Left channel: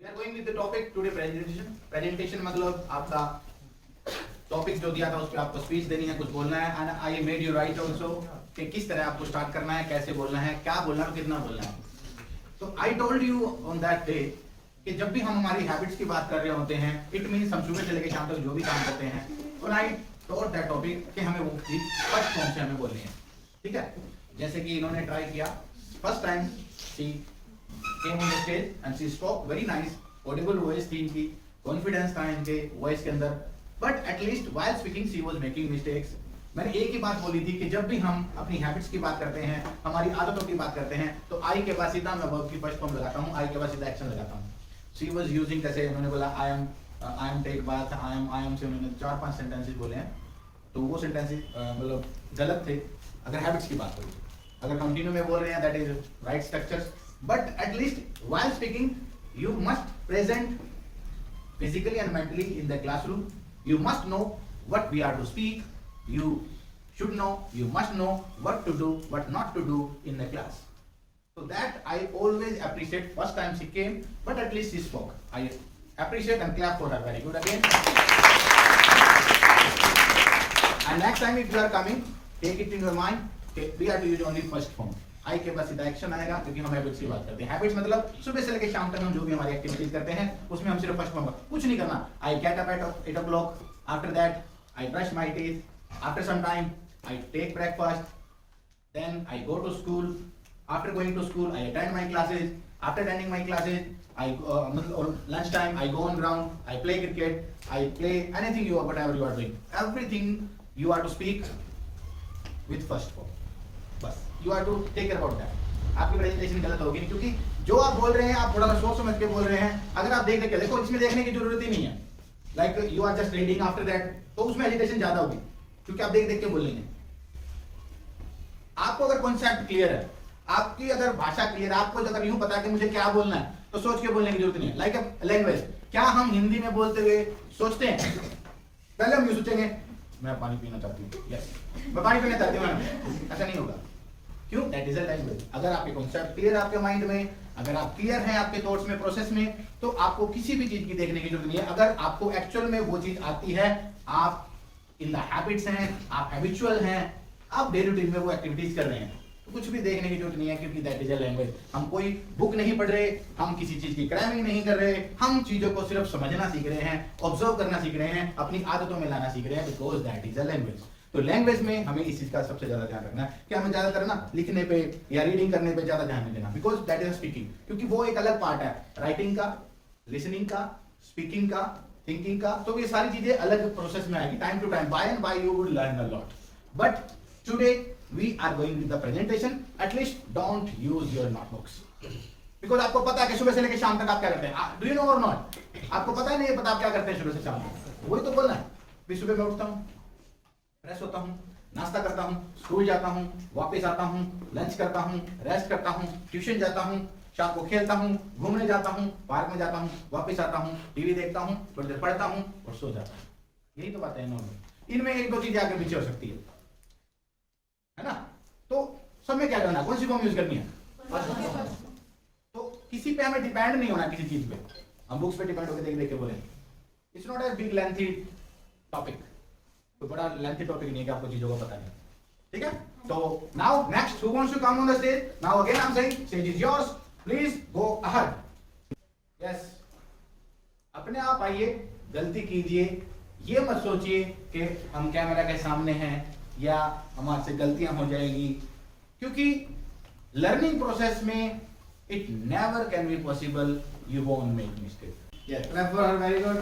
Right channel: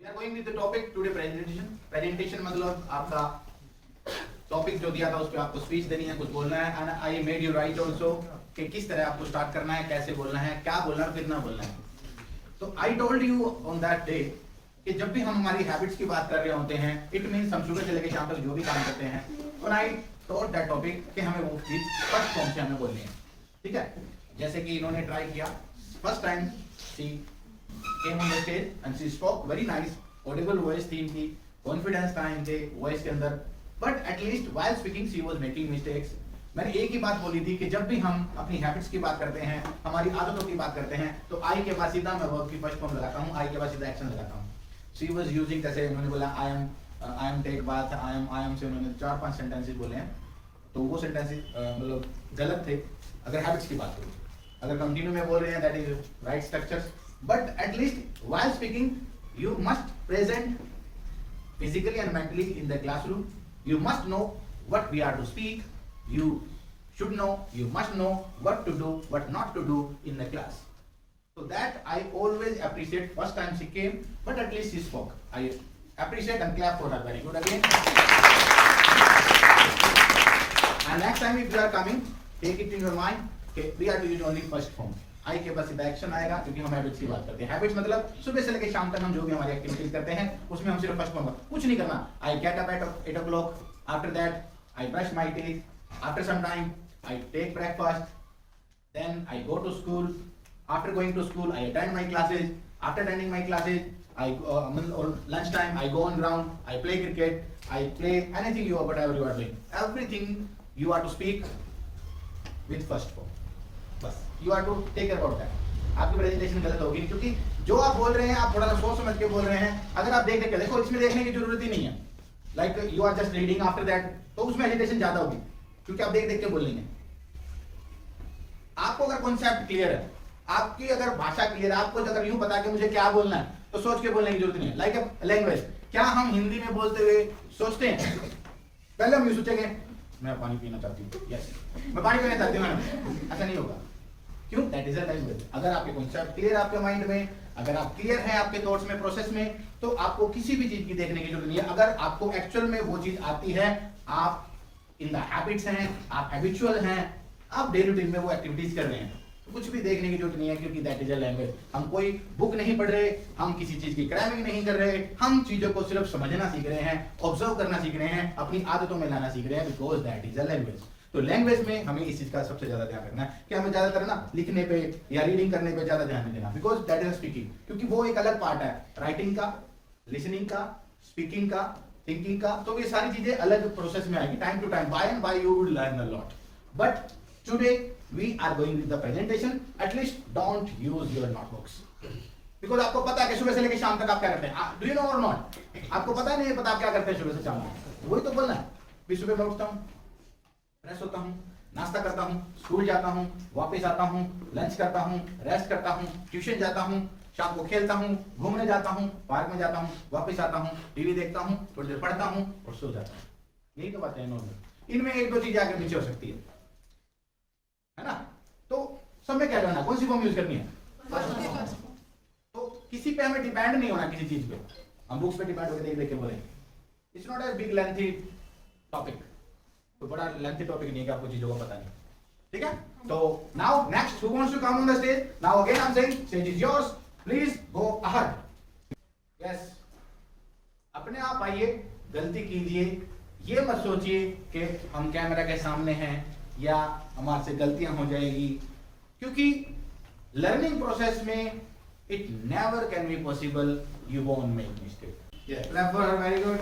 We are going with the topic today presentation. Presentation मतलब आपका topic जो दिया था उस पे आपको स्पीच देनी है, कुछ बोलना है and I made you write also कि किस तरह आपको स्टार्ट करना है, कैसे बोलना है, क्या बोलना है, कितना बोलना है. तो I told you on that day कि जब भी हम हमारी हैबिट्स की बात कर रहे होते हैं, इट मीन्स हम सुबह से लेकर शाम तक जो भी काम करते हैं, तो I told that topic कि हमें वो चीज फर्स्ट फॉर्म से हमें बोलनी है. ठीक है, जैसे कि इन्होंने ट्राई किया. First time she came on the stage and she spoke very nice, audible voice थी इनकी, confidence था इनके voice के अंदर, but at least while speaking she was making mistakes. मैंने एक ही बात बोली थी कि जब भी हम अपनी हैबिट्स की बात करते हैं, हमारी आदतों की बात करते हैं, तो आई के बाद सीधा मैं वर्ब की फर्स्ट फॉर्म लगाता हूँ, आई के बाद सीधा एक्शन लगाता हूँ. She was using, जैसे उन्होंने बोला I am take bath, I am से उन्होंने 4-5 सेंटेंसेस बोले हैं, तो वो सेंटेंसेस मतलब गलत थे अगर हैबिट्स की बात करूँ. अगर कंटिन्यू में बोल रहे हैं that is right structures, but at least while speaking you must present physically and mentally in the classroom. You must know what we are to speak, you should know, you must know what to do, what not to do in the class. So that I always appreciate. First time she came, but at least she spoke. I appreciate and clap for her. Very good again. And next time if you are coming, take it in your mind, okay, we are to use only first form. आई के बाद सीधा action आएगा, क्योंकि हम habits की बात करते हैं. हैबिट्स मतलब सुबह से लेकर शाम तक हम जो भी हमारी एक्टिविटीज करते हैं उसमें हम सिर्फ फर्स्ट फॉर्म, कुछ नहीं करना. I get up at 8 o'clock, after that I brush my teeth, after some time I take breakfast, then I go to school, after going to school I attend my classes, after attending my classes I lunch time I go on ground, I play cricket, I play anything you whatever you are doing, everything you are to speak with first form. बस you are to take care about that. आपकी presentation गलत होगी नहीं, क्योंकि जो आप बोल रहे हैं आप थोड़ा सा सोच समझ के बोल रहे हैं. अगर आप देख के देखो, इसमें देखने की जरूरत ही नहीं है. Like you are just reading after that, तो उसमें एजिटेशन ज्यादा होगी, क्योंकि आप देख के बोल रहे हैं. आपको अगर कॉन्सेप्ट क्लियर है, आपकी अगर भाषा क्लियर है, आपको अगर यूं पता कि मुझे क्या बोलना है, तो सोच के बोलने की जरूरत नहीं है. लाइक लैंग्वेज, क्या हम हिंदी में बोलते हुए सोचते हैं? पहले हम ये सोचेंगे मैं पानी पीना चाहती हूँ, यस मैं पानी पीना चाहती हूँ, ऐसा नहीं होगा. क्यों? That is a language. अगर आपके कॉन्सेप्ट क्लियर है आपके माइंड में, अगर आप क्लियर हैं आपके थॉट्स में, प्रोसेस में, तो आपको किसी भी चीज की देखने की जरूरत नहीं है. अगर आपको एक्चुअल में वो चीज आती है, आप इन द हैबिट्स हैं, आप हैबिचुअल हैं, आप डेली रूटीन में वो एक्टिविटीज कर रहे हैं, तो कुछ भी देखने की जरूरत नहीं है, क्योंकि दैट इज अ लैंग्वेज. हम कोई बुक नहीं पढ़ रहे, हम किसी चीज की क्रैमिंग नहीं कर रहे, हम चीजों को सिर्फ समझना सीख रहे हैं, ऑब्जर्व करना सीख रहे हैं, अपनी आदतों में लाना सीख रहे हैं, because that is a language. तो लैंग्वेज में हमें इस चीज का सबसे ज्यादा ध्यान रखना है कि हमें ज्यादातर ना लिखने पे या रीडिंग करने पे ज्यादा ध्यान नहीं देना, बिकॉज दैट इज स्पीकिंग. क्योंकि वो एक अलग पार्ट है, राइटिंग का, लिसनिंग का, स्पीकिंग का, थिंकिंग का. तो ये सारी चीजें अलग प्रोसेस में आएगी. Time to time, by and by you will learn a lot. But today we are going with the presentation. At least don't use your notebooks, because आपको पता है कि सुबह से लेकर शाम तक आप क्या करते हैं. डू यू नो और नॉट? आपको पता नहीं है, पता आप क्या करते हैं सुबह से शाम तक. वही तो बोलना है. भी सुबह मैं उठता हूँ, फ्रेश होता हूँ, नाश्ता करता हूँ, स्कूल जाता हूँ, वापस आता हूँ, लंच करता हूँ, रेस्ट करता हूँ, ट्यूशन जाता हूँ, शाम को खेलता हूँ, घूमने जाता हूँ, पार्क में जाता हूँ, वापस आता हूँ, टीवी देखता हूँ, थोड़ी देर पढ़ता हूँ और सो जाता हूँ. यही तो बात है नॉर्मल. इनमें एक दो चीजें आगे पीछे हो सकती है ना. तो सब में क्या करना है, कौन सी फॉर्म यूज करनी है? तो किसी पे हमें डिपेंड नहीं होना, किसी चीज पे हम बुक्स पे डिपेंड होकर देख देख के बोले. It's not a big lengthy topic. तो बड़ा लेंथी टॉपिक नहीं है कि आपको चीजों को पता नहीं. ठीक है. तो now next who wants to come on the stage? Now again I am saying stage is yours, please go ahead. Yes, अपने आप आइए, गलती कीजिए, ये मत सोचिए कि हम कैमरा के सामने हैं या हमारे से गलतियां हो जाएगी, क्योंकि लर्निंग प्रोसेस में it never can be possible, you won't make mistake. Yes, clap for her. Very good.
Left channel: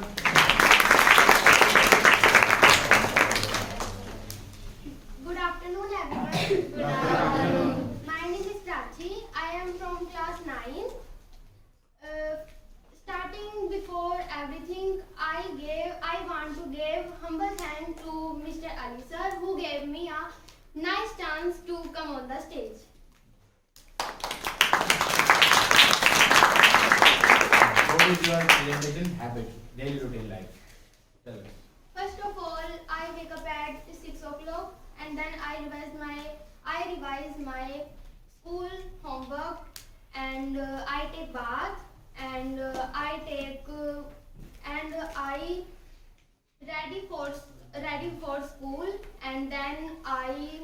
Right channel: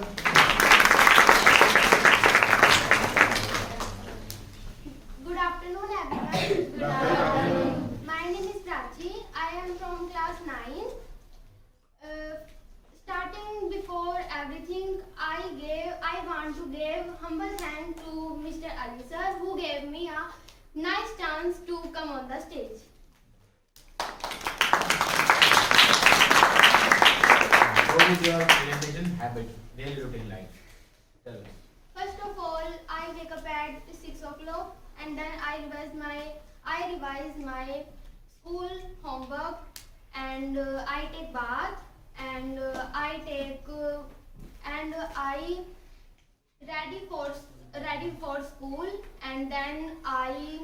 Good afternoon, everyone. Good afternoon. My name is Prachi. I am from class 9. Starting before everything, I want to give humble thanks to Mr. Ali sir, who gave me a nice chance to come on the stage. What is your presentation habit, daily routine life? Tell us. First of all, I wake up at 6 o'clock and then I revise my school homework and I take bath and I take and I ready for school, and then I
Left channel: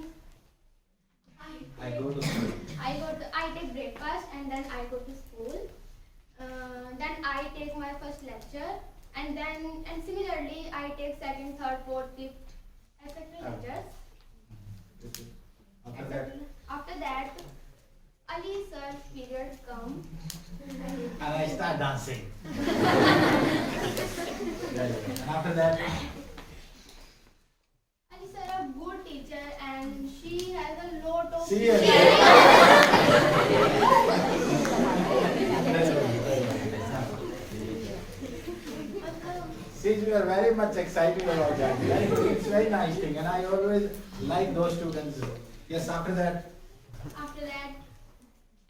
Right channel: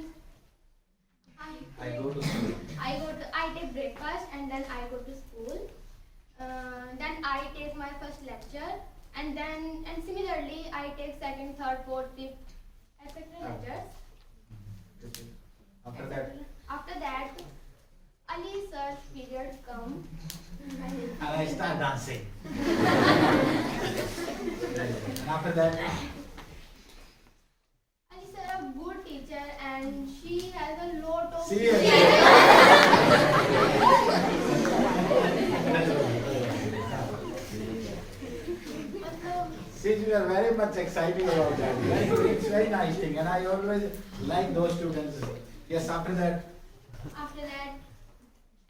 go to school. I take breakfast, and then I go to school. Then I take my first lecture, and similarly I take second, third, fourth, fifth, etc. lectures. After that, After that, Ali sir period come. and I start dancing. And after that, Ali sir a good teacher, and she has a lot of. मतलब Since we are very much excited about that, it's very nice thing, and I always like those students. Yes, after that,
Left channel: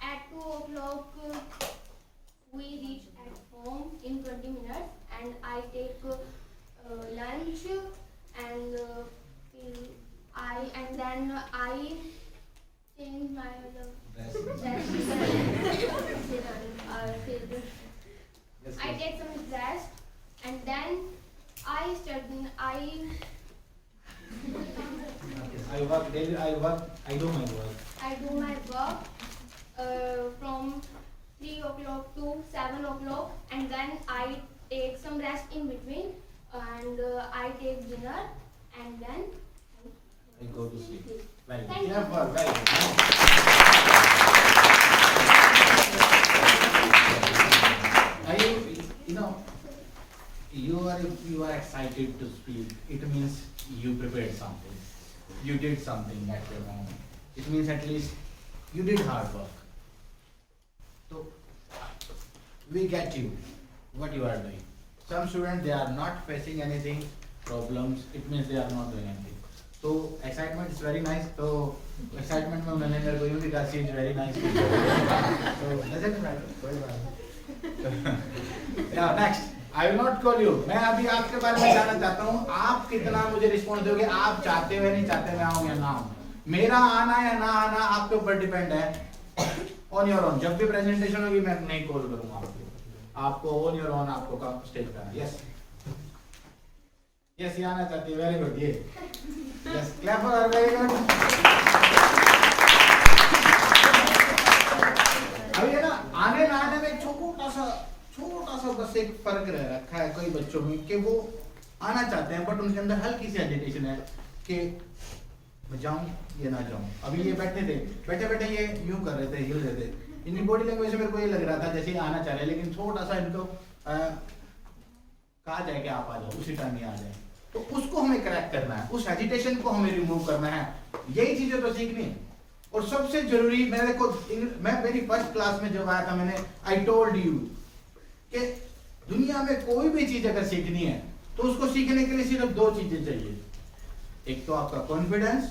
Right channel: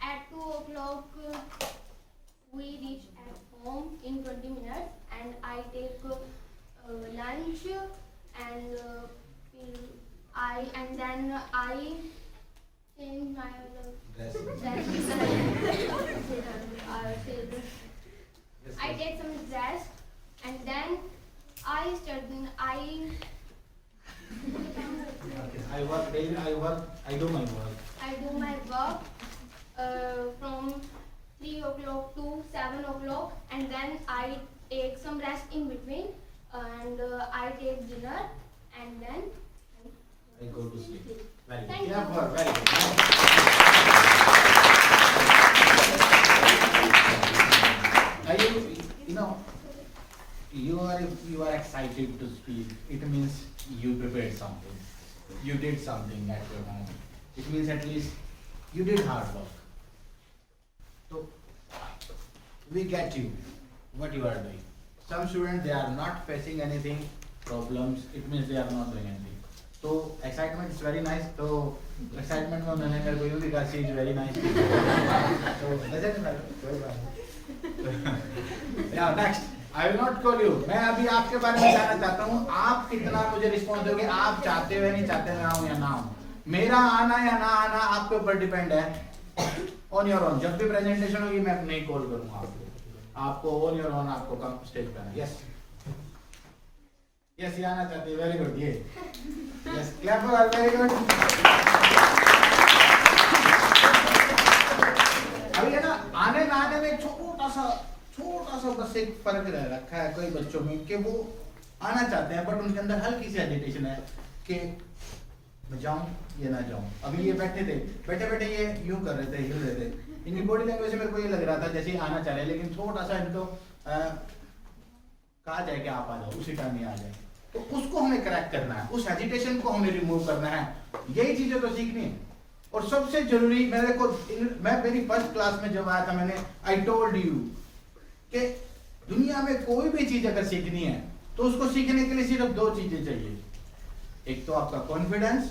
at 2 o'clock we reach at home in 20 minutes, and I take lunch, and then I change my dress. yes, I take some rest, and then I study. I work daily. I do my work. I do my work from 3 o'clock to 7 o'clock, and then I take some rest in between, and I take dinner, and then I go to sleep. Very good. Thank Yeah, you. work, very good. Are you know, you are excited to speak. It means you prepared something. You did something at your moment. It means at least you did hard work. So we get you what you are doing. Some students, they are not facing anything problems. It means they are not doing anything. So excitement is very nice. So excitement में मैंने मेरे को यूँ भी कहा she is very nice. So doesn't matter. कोई बात नहीं. Now next, I will not call you. मैं अभी आपके बारे में जानना चाहता हूँ. आप कितना मुझे रिस्पॉन्स दोगे? आप चाहते हो या नहीं चाहते मैं आऊँ या ना आऊँ? मेरा आना या ना आना आपके ऊपर डिपेंड है. On your own. जब भी प्रेजेंटेशन होगी मैं नहीं कॉल करूँगा आपको. आपको on your own आपको काम स्टेज करना. Yes. Yes, ये आना चाहती है. Very good. ये. Yes, clap for her. Very good. अभी है ना आने ना आने में एक छोटा सा बस एक फर्क रह रखा है कई बच्चों में कि वो आना चाहते हैं बट उनके अंदर हल्की सी हेजिटेशन है कि मैं जाऊं या ना जाऊं. अभी ये बैठे बैठे ये यूं कर रहे थे, हिल रहे थे. इनकी बॉडी लैंग्वेज से मेरे को ये लग रहा था जैसे ही आना चाह रहे हैं, लेकिन थोड़ा सा इनको कहा जाए कि आप आ जाओ, उसी टाइम ही आ जाए. तो उसको हमें करेक्ट करना है, उस हेजिटेशन को हमें रिमूव करना है. यही चीजें तो सीखनी है. और सबसे जरूरी मैं मेरी फर्स्ट क्लास में जब आया था मैंने आई टोल्ड यू कि दुनिया में कोई भी चीज अगर सीखनी है तो उसको सीखने के लिए सिर्फ दो चीजें चाहिए. एक तो आपका कॉन्फिडेंस,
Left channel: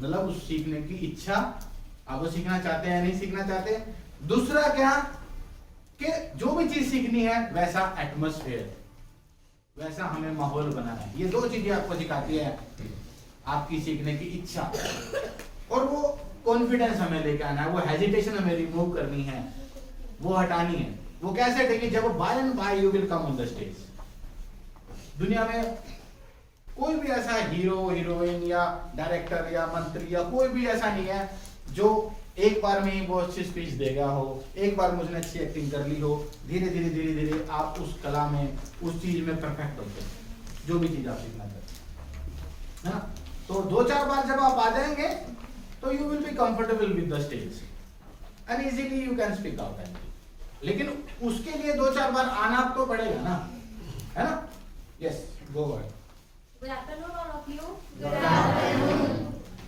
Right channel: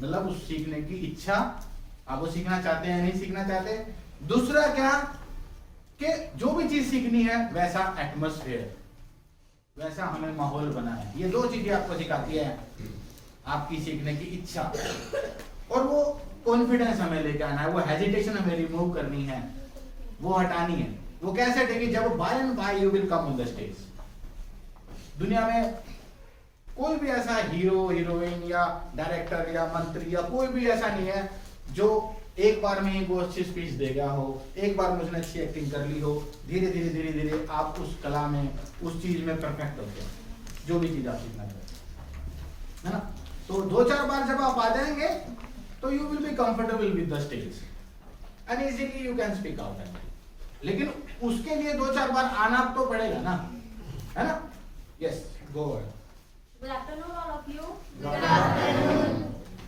मतलब उस सीखने की इच्छा, आप वो सीखना चाहते हैं या नहीं सीखना चाहते. दूसरा क्या कि जो भी चीज सीखनी है वैसा एटमॉस्फेयर, वैसा हमें माहौल बनाना है. ये दो चीजें आपको सिखाती है आपकी सीखने की इच्छा. और वो कॉन्फिडेंस हमें लेके आना है, वो हेजिटेशन हमें रिमूव करनी है, वो हटानी है. वो कैसे हटेगी? जब by and by you will come on the stage. दुनिया में कोई भी ऐसा हीरो हीरोइन या डायरेक्टर या मंत्री या कोई भी ऐसा नहीं है जो एक बार में ही वो अच्छी स्पीच देगा हो, एक बार में उसने अच्छी एक्टिंग कर ली हो. धीरे धीरे आप उस कला में, उस चीज में परफेक्ट होते हैं, जो भी चीज आप सीखना चाहते हैं, है ना. तो 2-4 बार जब आप आ जाएंगे तो you will be comfortable with the stage and easily you can speak out. लेकिन उसके लिए 2-4 बार आना तो पड़ेगा ना, है ना. Yes, go word. Good afternoon, all of you. Good afternoon.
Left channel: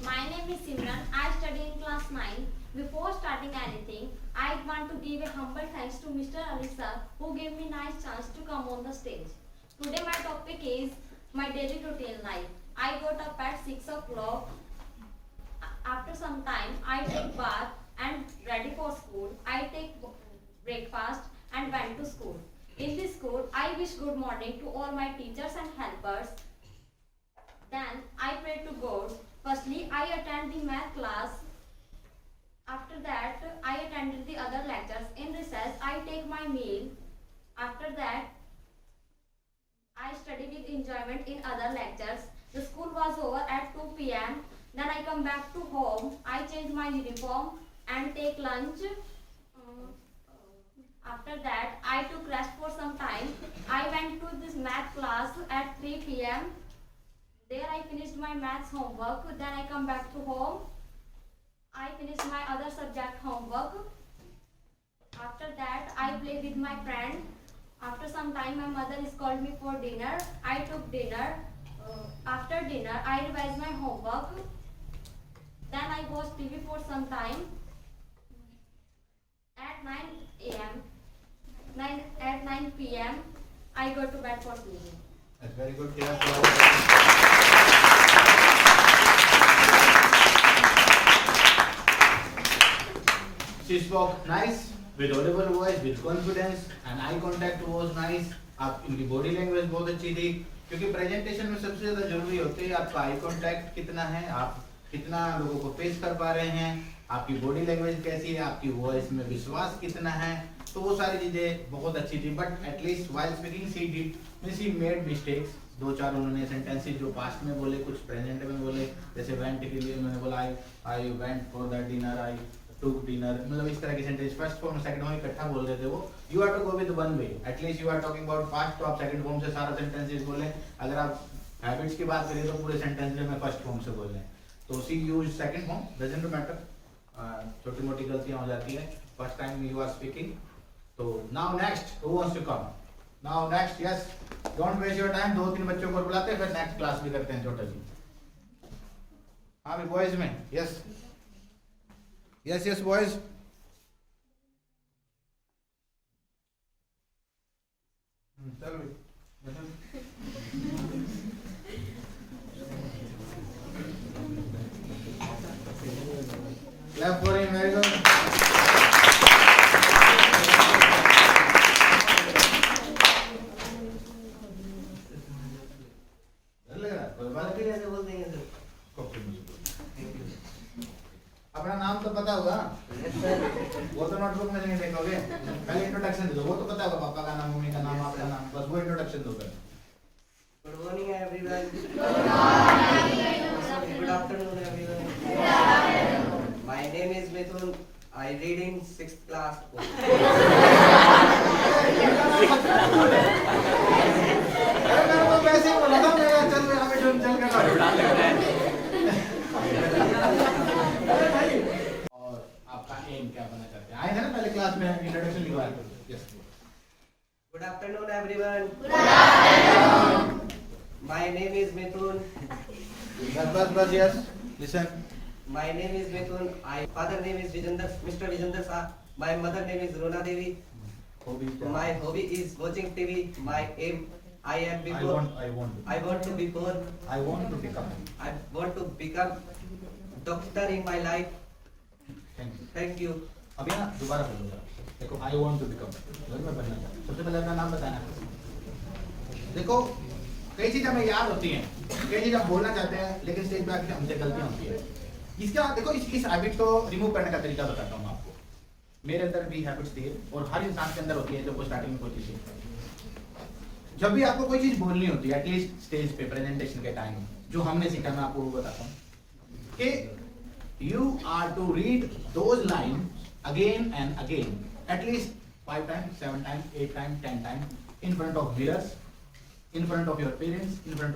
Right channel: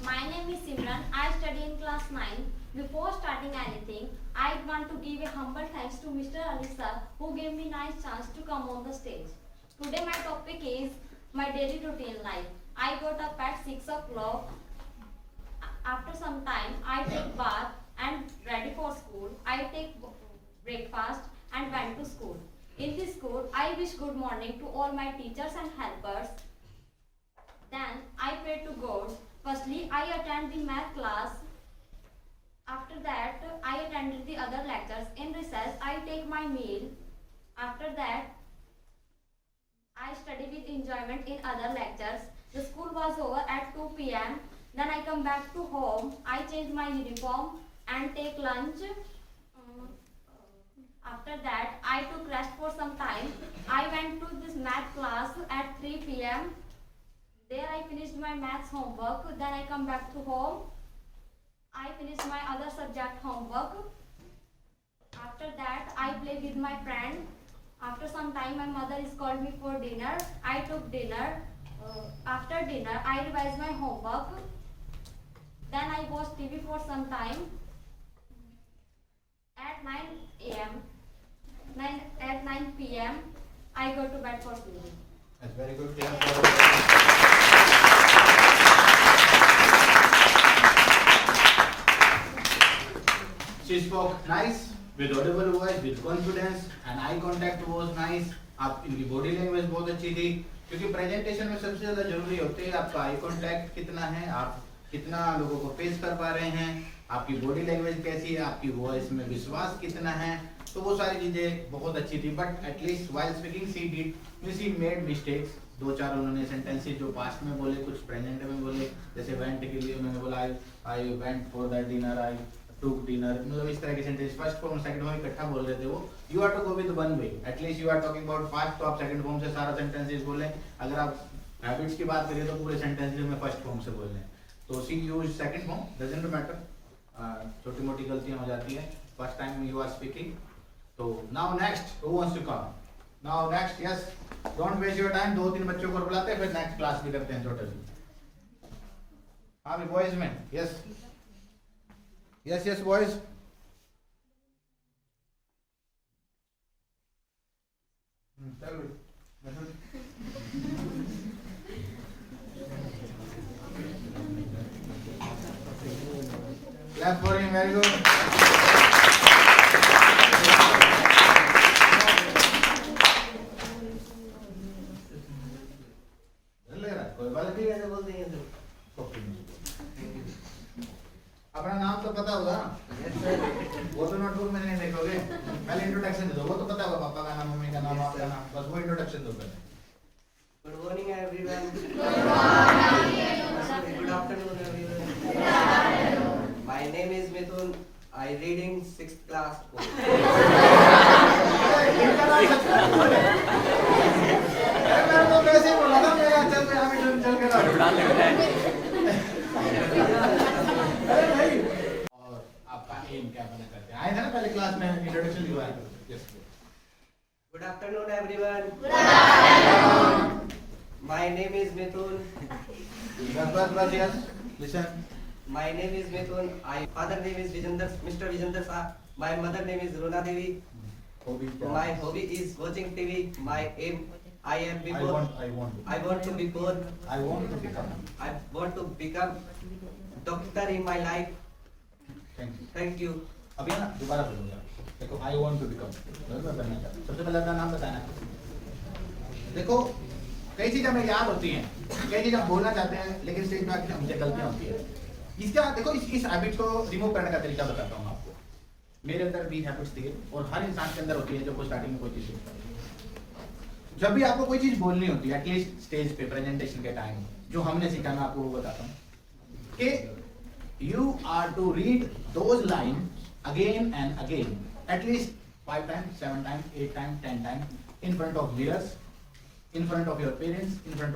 My name is Simran. I study in class 9. Before starting anything, I want to give a humble thanks to Mr. Ali sir who gave me nice chance to come on the stage. Today my topic is my daily routine life. I got up at 6 o'clock. After some time, I take bath and ready for school. I take breakfast and went to school. In this school, I wish good morning to all my teachers and helpers. Then I pray to God. Firstly, I attend the math class. After that, I attended the other lectures. In recess, I take my meal. After that, I study with enjoyment in other lectures. The school was over at 2 p.m. Then I come back to home. I change my uniform and take lunch. After that, I took rest for some time. I went to this math class at 3 p.m. There I finished my maths homework. Then I come back to home. I finished my other subject homework. After that, I play with my friend. After some time, my mother is called me for dinner. I took dinner. After dinner, I revised my homework. Then I watched TV for some time. At 9 p.m., I go to bed for sleeping. That's very good. She spoke nice, with audible voice, with confidence, and eye contact was nice. आप इनकी body language बहुत अच्छी थी, क्योंकि presentation में सबसे ज्यादा जरूरी होते हैं आपका आई कांटेक्ट कितना है, आप कितना लोगों को पेश कर पा रहे हैं, आपकी बॉडी लैंग्वेज कैसी है, आपकी वॉइस में विश्वास कितना है, तो वो सारी चीजें बहुत अच्छी थी. But at least while speaking she made mistakes. दो चार उन्होंने सेंटेंसेस जो पास्ट में बोले, कुछ प्रेजेंट में बोले. जैसे वेंट के लिए उन्होंने बोला I went for that dinner, I took dinner, मतलब इस तरह के sentence first form second form इकट्ठा बोल रहे थे वो. You have to go with one way. At least you are talking about fast, तो आप सेकंड फॉर्म से सारा सेंटेंसेस बोले. अगर आप हैबिट्स की बात करें तो पूरे सेंटेंस में फर्स्ट फॉर्म से बोल रहे हैं. तो see use second form, doesn't matter. छोटी मोटी गलतियां हो जाती है first time you are speaking. तो now next, who wants to come? Now next, yes, don't waste your time. दो तीन बच्चों को बुलाते हैं, फिर नेक्स्ट क्लास भी करते हैं टोटल. हाँ बॉयज में, यस यस यस बॉयज. चल clap for him, very good. कोई बात नहीं, ऐसे बोल देंगे तो. अपना नाम तो पता होगा, वो तो नोटबुक में नहीं देखोगे. पहले इंट्रोडक्शन दो, वो तो पता होगा, पापा का नाम, मम्मी का नाम, आपका नाम, बस वो इंट्रोडक्शन दो पहले. Good morning everyone. Good afternoon everyone. My name is Mithun. I read in 6th class. अरे मेरे को वैसे ही बोला था, मेरा चल यहाँ पे चल के लौट. अरे भाई, और आपका एम क्या बनना चाहते हैं? आए थे ना पहले क्लास में, इंट्रोडक्शन लिखवाया करो. Yes. Good afternoon everyone. My name is Mithun. बस yes. Listen. My name is Mithun. My father name is Mr. Vijender Shah. My mother name is Rona Devi. My hobby is watching TV. My aim, I want to be born. I want to become. I want to become doctor in my life. Thank you. Thank you. अभी ना दोबारा बोलूँगा. देखो, I want to become. मैं बनना चाहता हूँ. सबसे पहले अपना नाम बताना. देखो, कई चीजें हमें याद होती हैं, कई चीजें हम बोलना चाहते हैं, लेकिन स्टेज पे आके हमसे गलतियां होती है. इसका देखो, इस हैबिट को रिमूव करने का तरीका बताता हूँ आपको. मेरे अंदर भी हैबिट्स थी, और हर इंसान के अंदर होती है जब वो स्टार्टिंग में कोई चीज सीखता है. जब भी आपको कोई चीज बोलनी होती है, एटलीस्ट स्टेज पे प्रेजेंटेशन के टाइम, जो हमने सीखा मैं आपको वो बताता हूँ कि you are to read those lines again and again, at least 5 times, 7 times, 8 times, 10 times, in front of mirrors, in front of your parents, in front of